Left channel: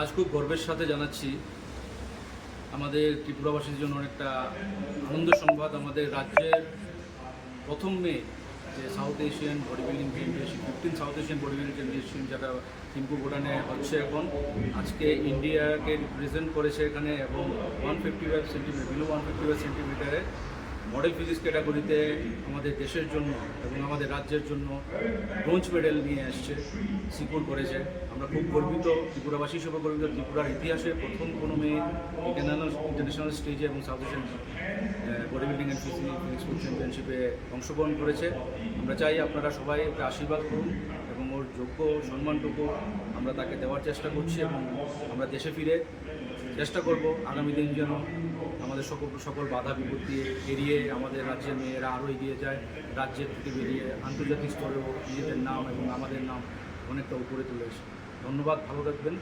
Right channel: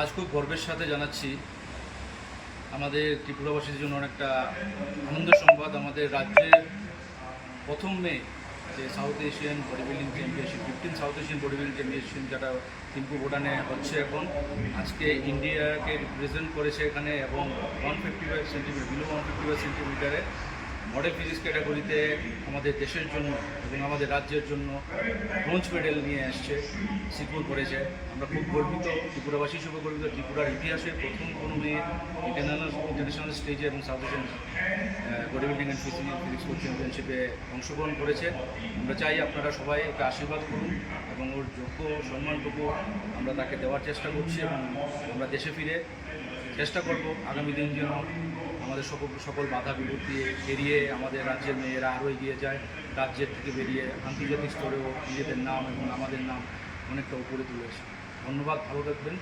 আজ খুব গর্বের সাথে জানাচ্ছি আমাদের ত্রিপুরাবাসীর জন্য অনেকটা আনন্দ সংবাদ। আমাদের রাজ্যের প্রথম মেয়ে যে south Asian body building championship 15 south Asian body building championship যেটা থিম্পু ভুটানে হচ্ছে এখন, আজকে ইন্ডিয়াকে রিপ্রেজেন্ট করেছে এখানে এবং 155 সেন্টিমিটার বিলো 155 সেন্টিমিটারে মডেল ফিজিক্স ক্যাটাগরিতে আমাদের দেশের জন্য এবং আমাদের রাজ্যের জন্য ব্রোঞ্জ মেডেল নিয়ে আসছে, সিকিউর করেছে। আমরা খুব গর্বিত, ত্রিপুরাবাসী হিসেবে গর্বিত। ত্রিপুরার ইতিহাসে প্রথম কোনো মেয়ে ইন্টারন্যাশনাল স্টেজে এবং south Asian body building and physics চ্যাম্পিয়নশিপে অংশগ্রহণ করেছে। আমরা চাই আপনারা সবাই একে আশীর্বাদ করুন এবং ওর যোগ্য সম্মানটুকু আমরা তাকে দেওয়ার চেষ্টা করছি এবং আমরা দেশে ফিরে চেষ্টা করব আগামী দিন যেন আমাদের সকল বাধা বিপত্তি এড়িয়ে আমাদের রাজ্যের মেয়েরা আরও এগিয়ে যায়, রাজ্যের থেকে বেরিয়ে আন্তর্জাতিক স্তরেও নিজেদের নাম এবং আমাদের নাম অনেকটা উপরে তুলেছে। ধন্যবাদ, ভালো থাকবেন।